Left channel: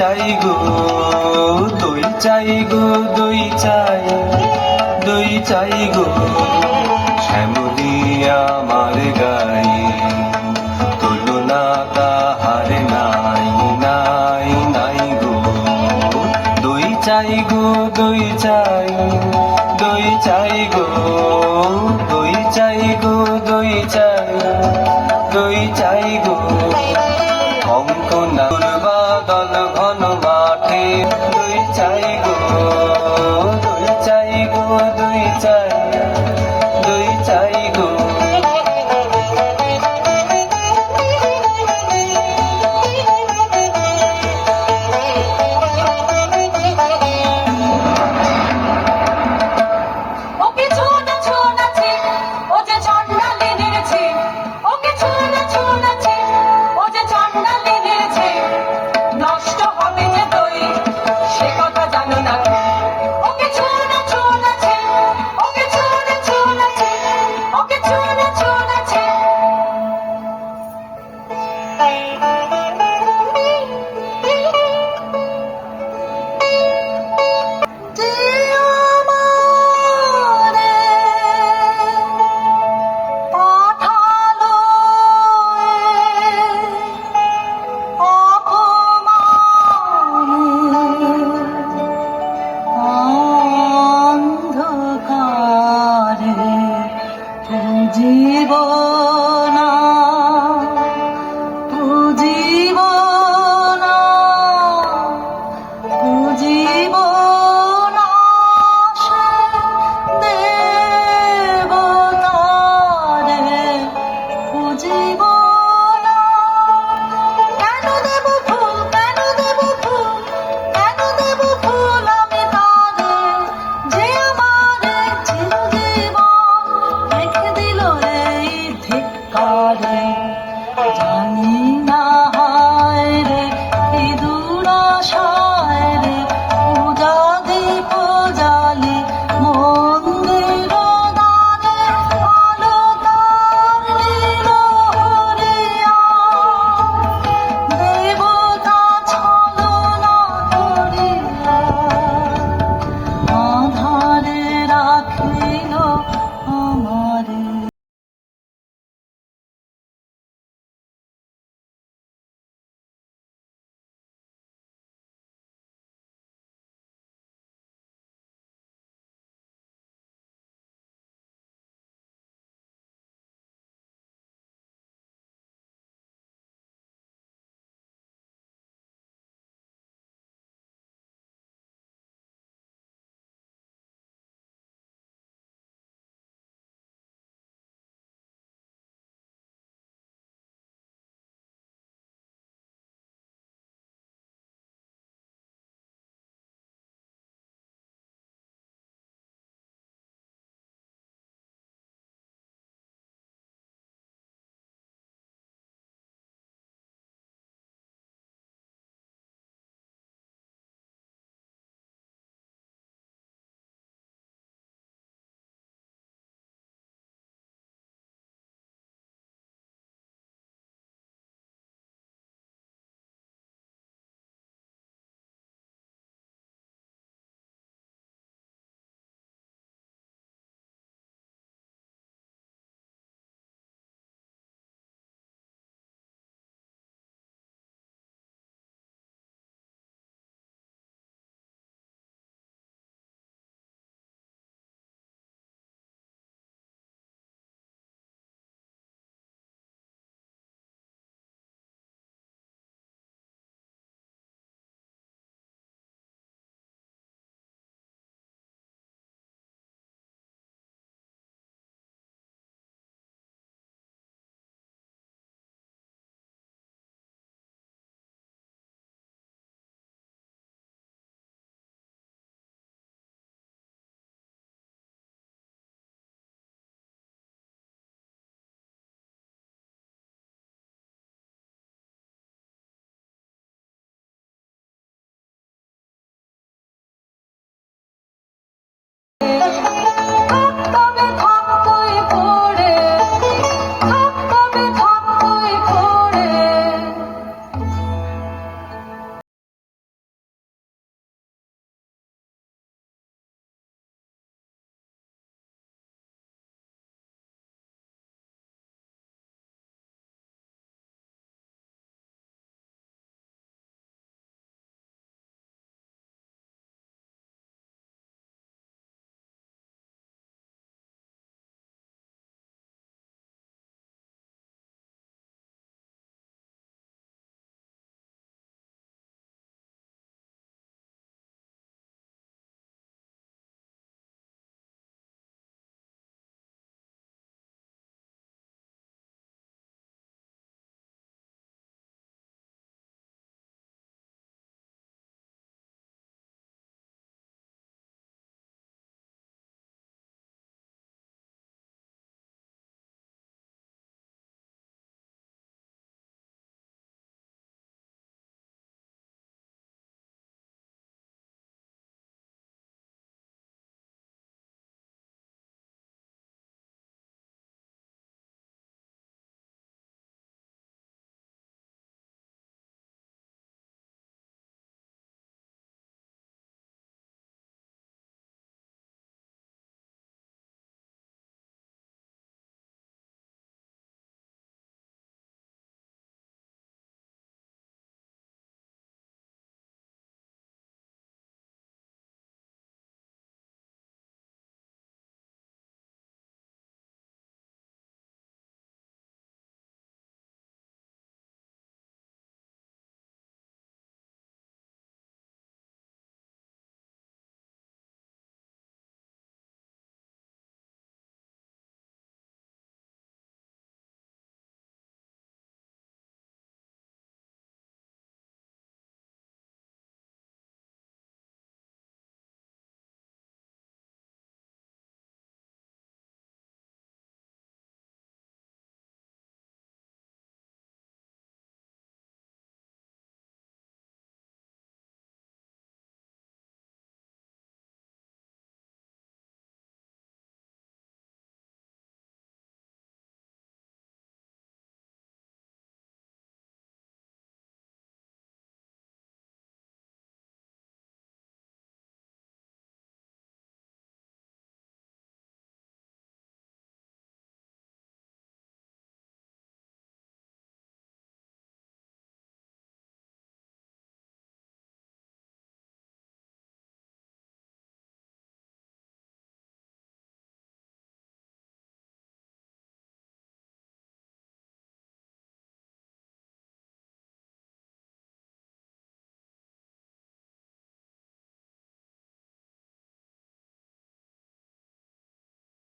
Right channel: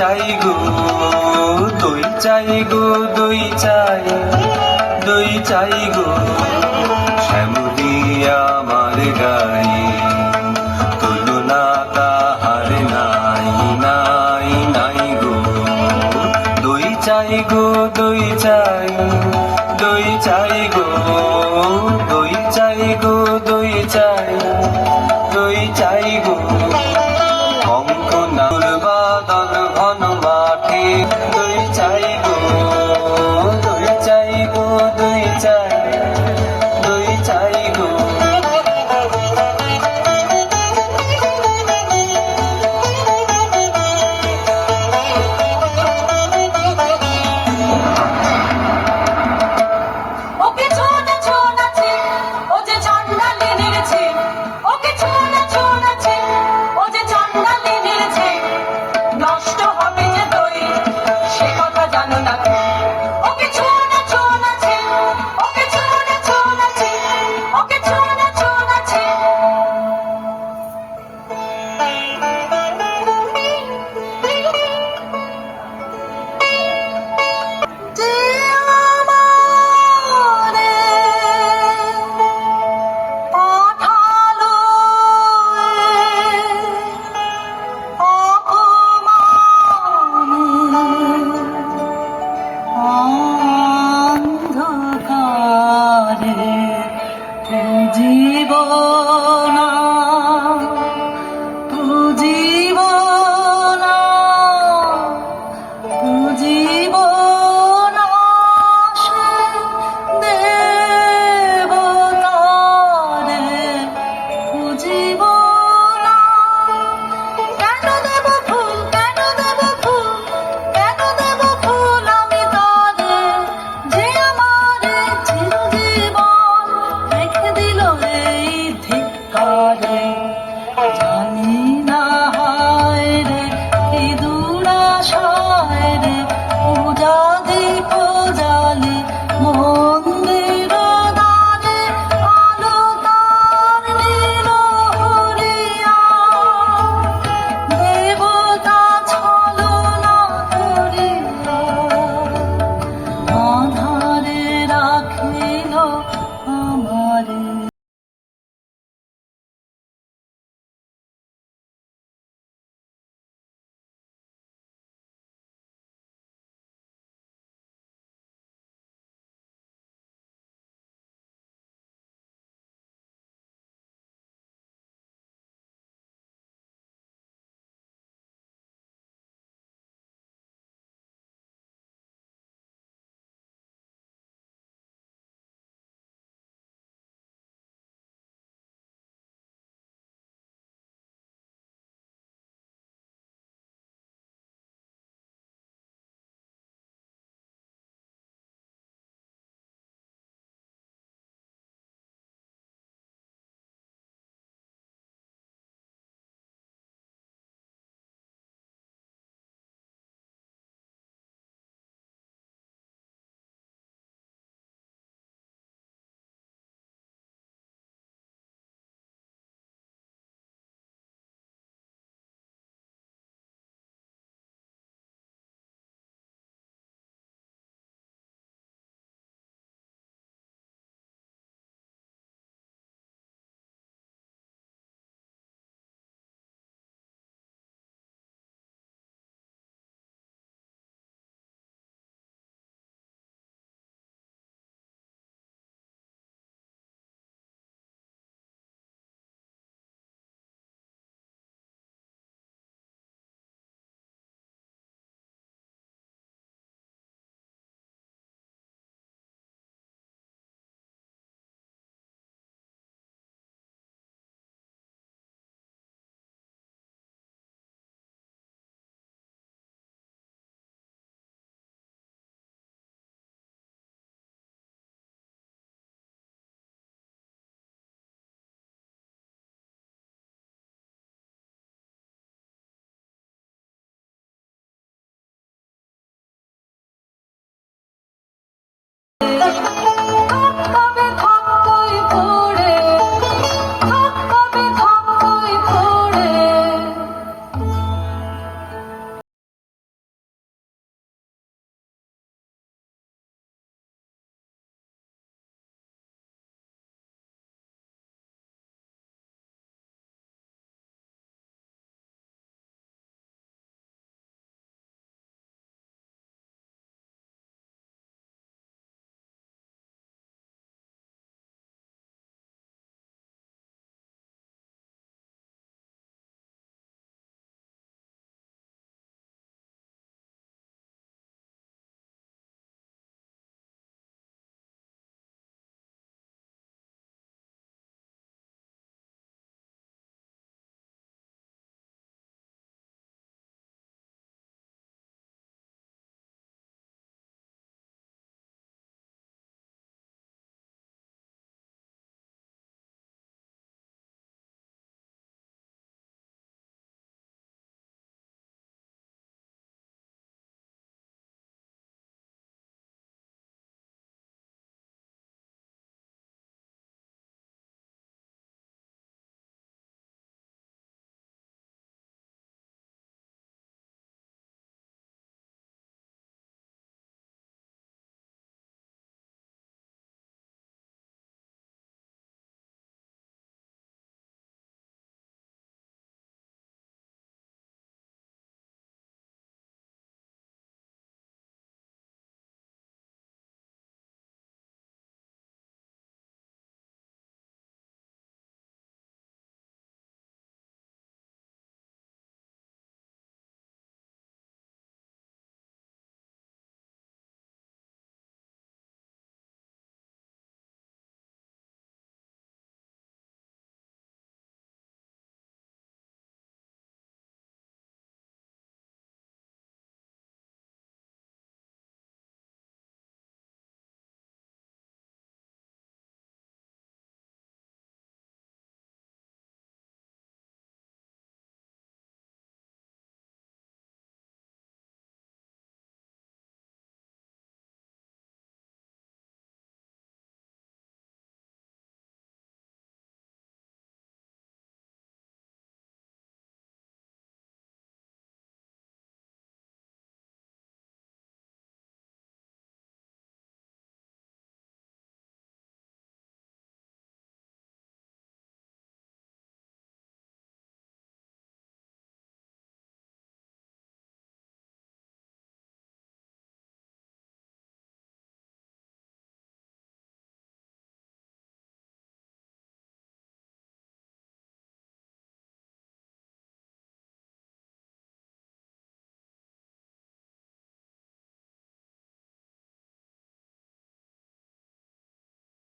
চাই গো দই চাই গো দই চাই দই চাই গো শ্যামিয়া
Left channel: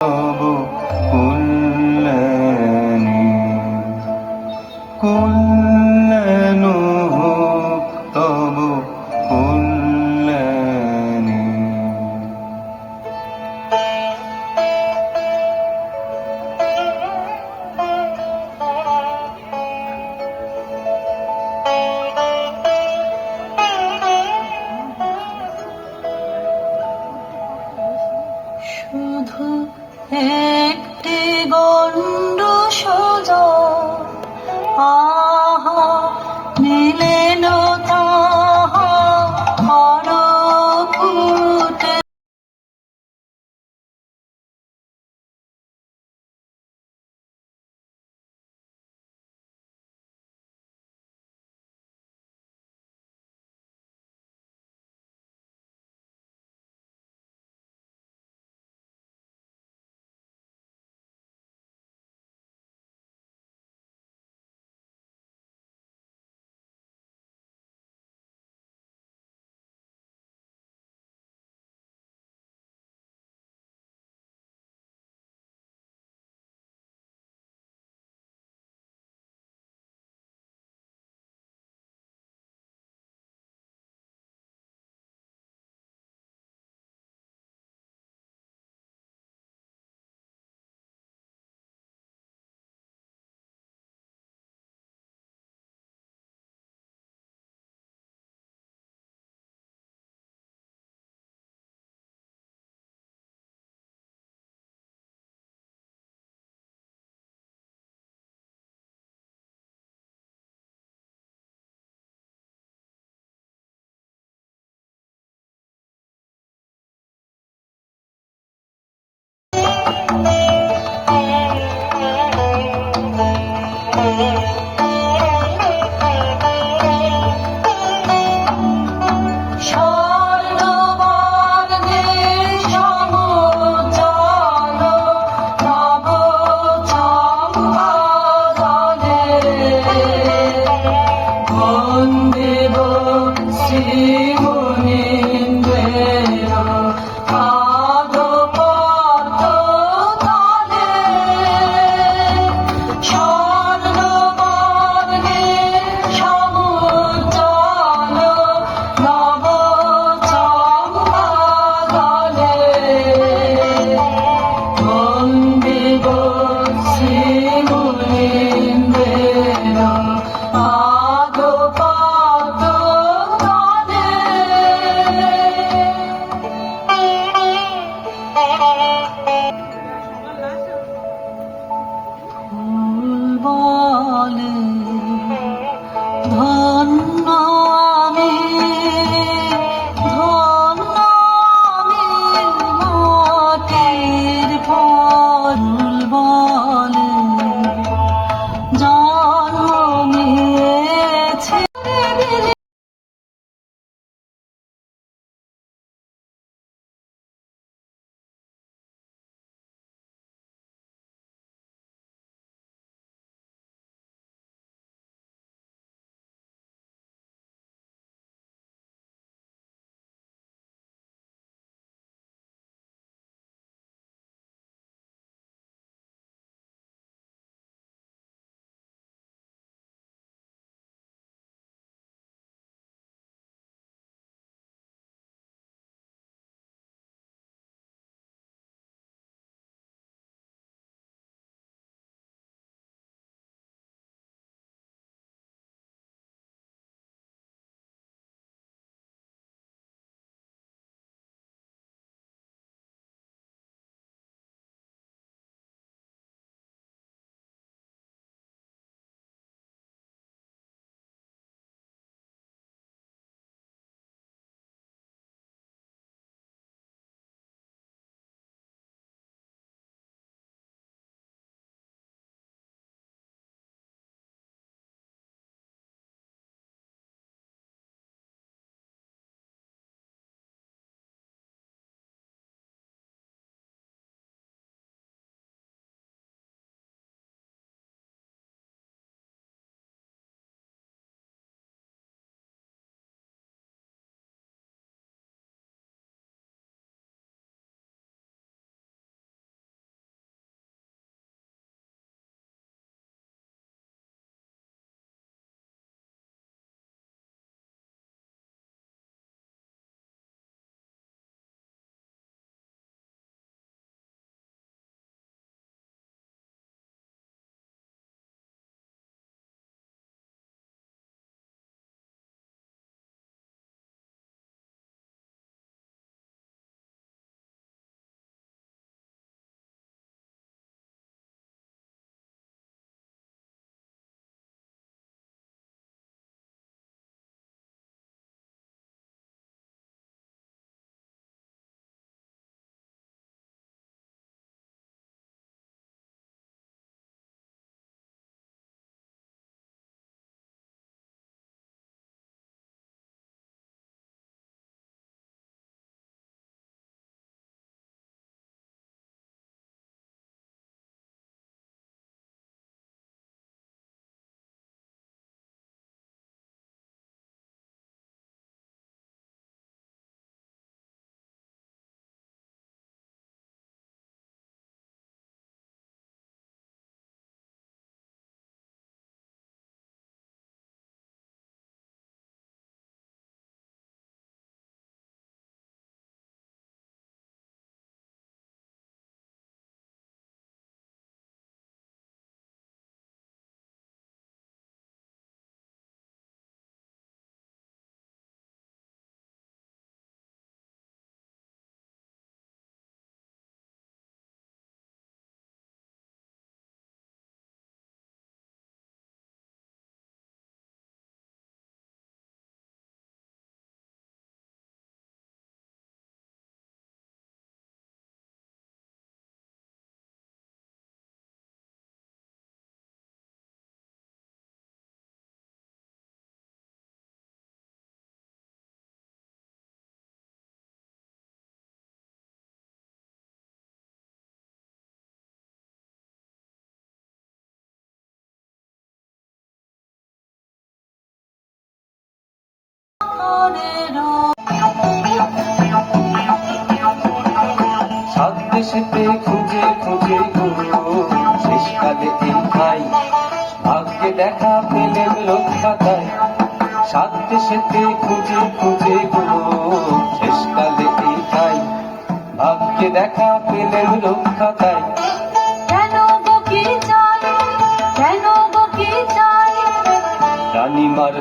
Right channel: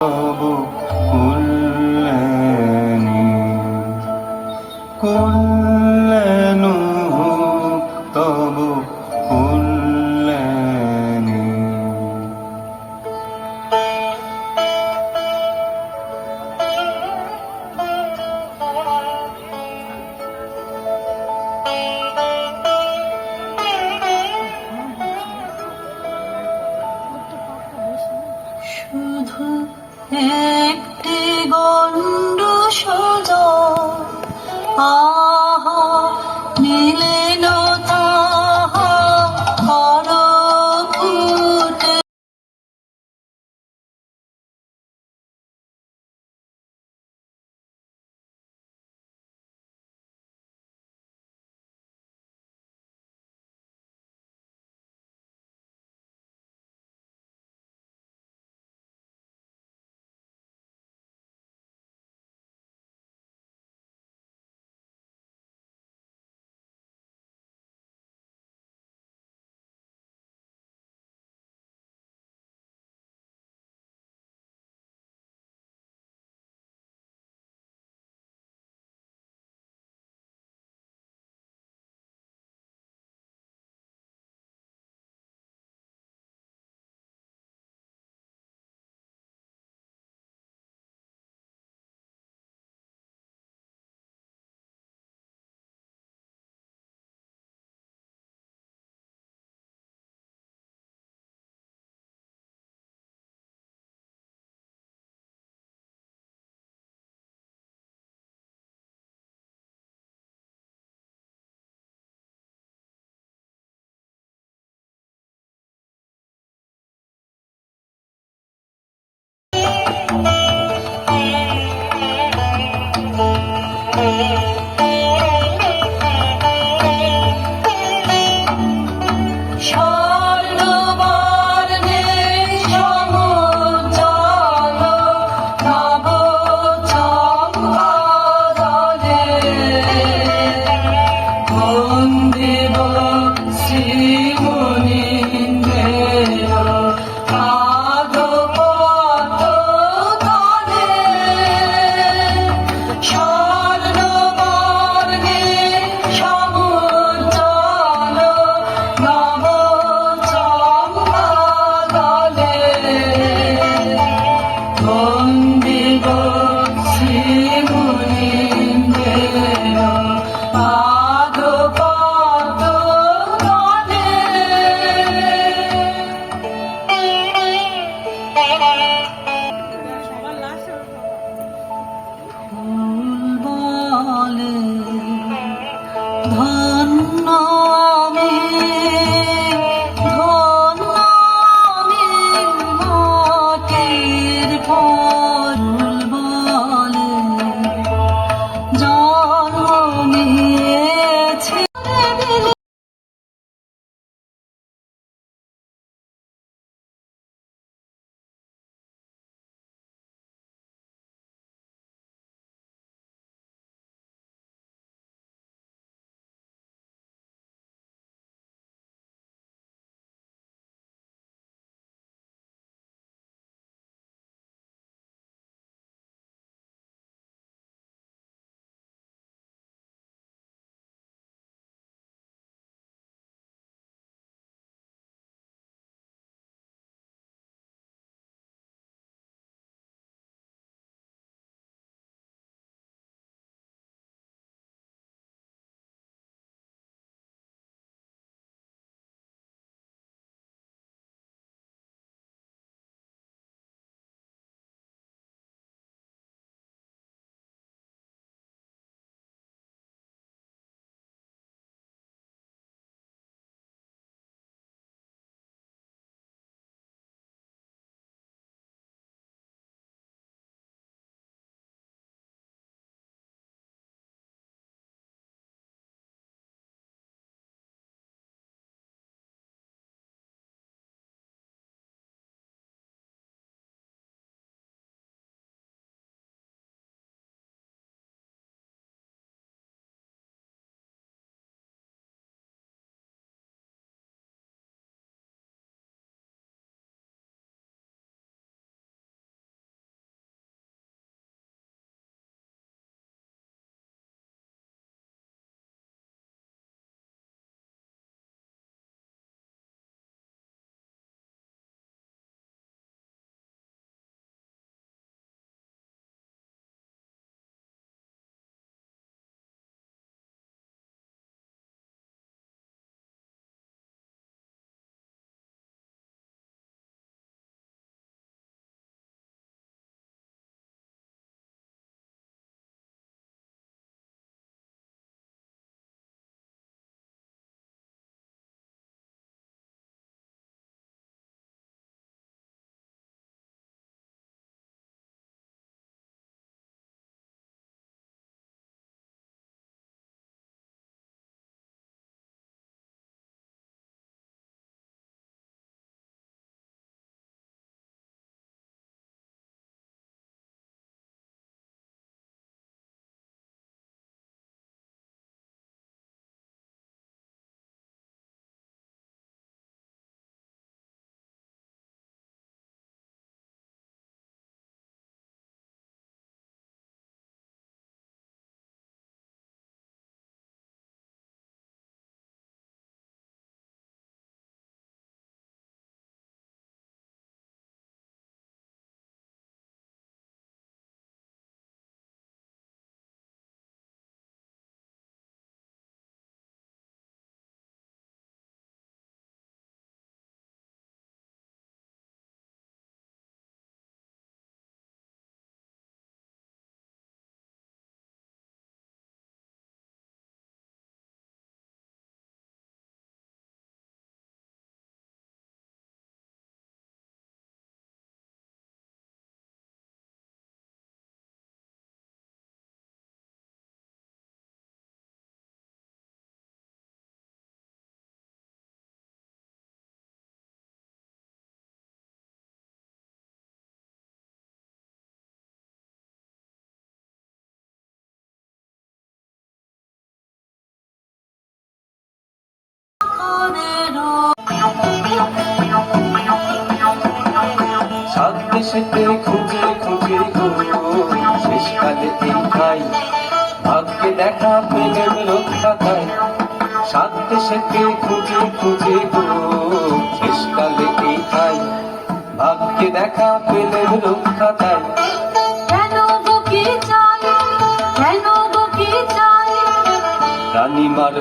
তব দেশেতে খুঁজে খুঁজে গো শেষকালে এই পাই ভাগ্যে দেখা পেলেন রক্ষা পায় সাথে দেশেতে খুঁজে খুঁজে শেষ শেষকালে এই পাই ভাগ্যে দেখা পেলেন রক্ষা পায়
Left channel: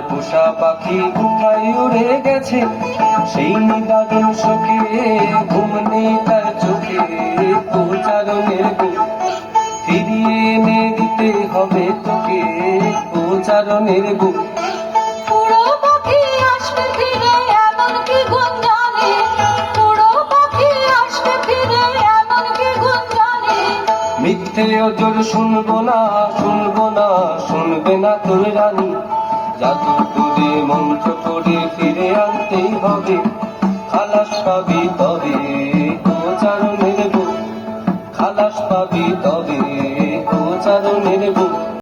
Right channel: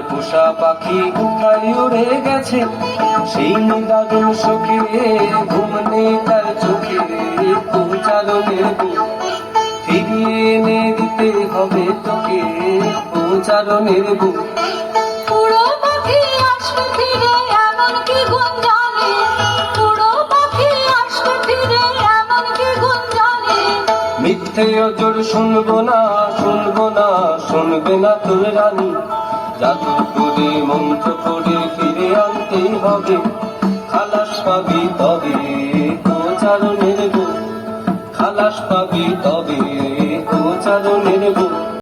পোষা পাখি কোথায় উড়ে গেছে সেই নিদারুণ শোকে ঘুম নেই তার চোখে। ফিরিয়ে এনে দিতে হবে তোকে বুক। মিথ্যে অজর শুনব না শুনব না শুনবে না তোর রানী। জাদু করে মন্ত্র করে ফিরে আনতেই হবে। খালাস পাবি তবে গোচারণের বুক। খালাস পাবি তবে গোচারণের বুক।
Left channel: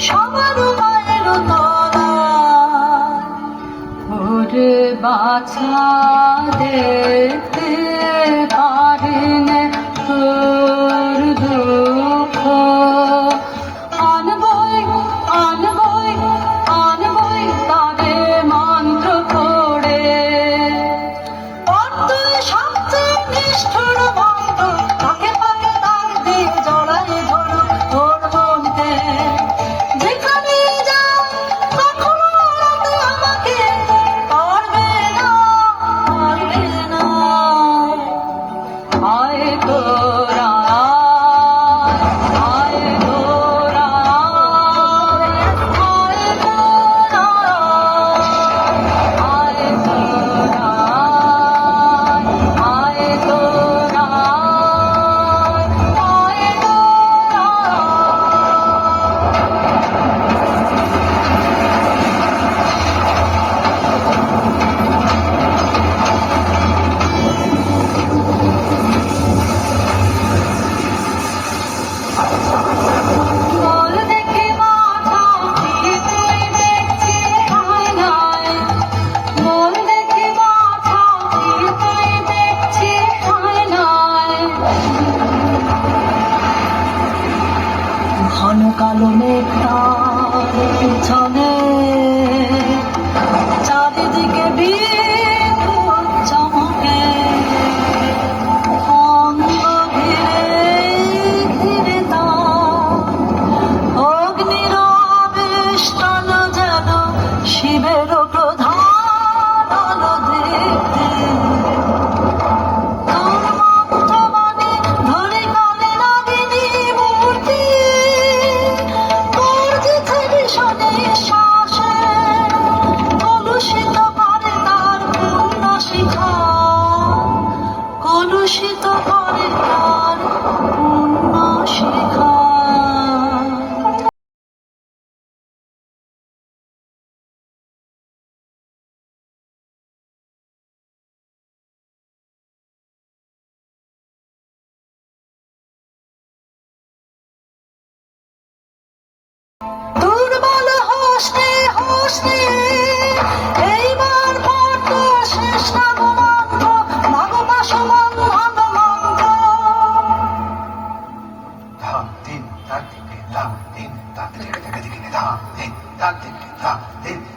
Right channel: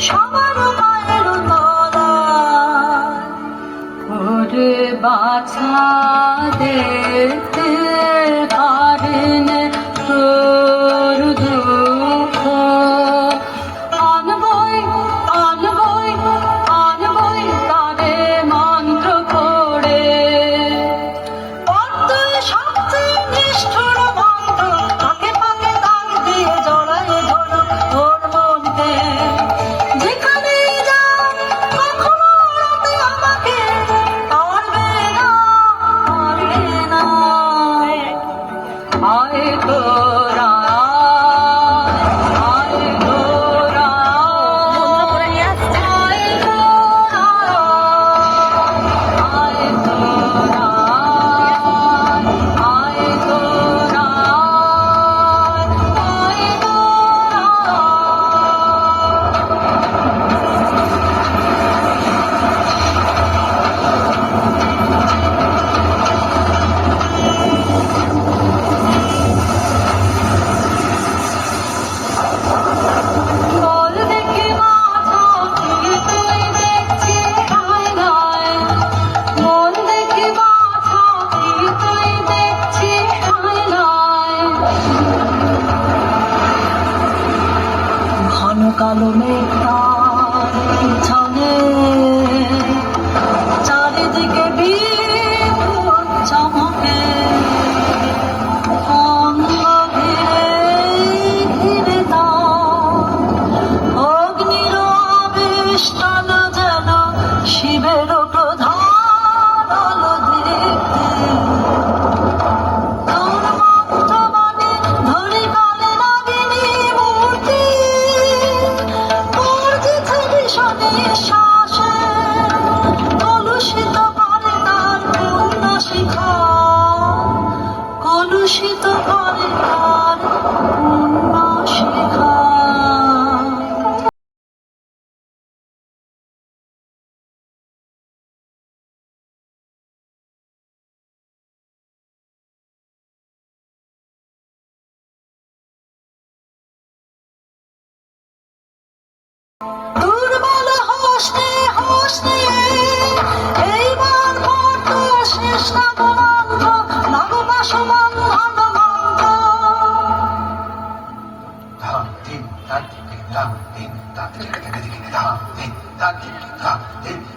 সবার মায়ের তলায় বাছা দেখতে Nation.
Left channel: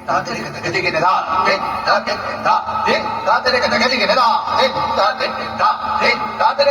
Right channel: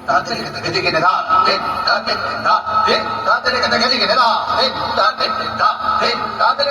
تا ته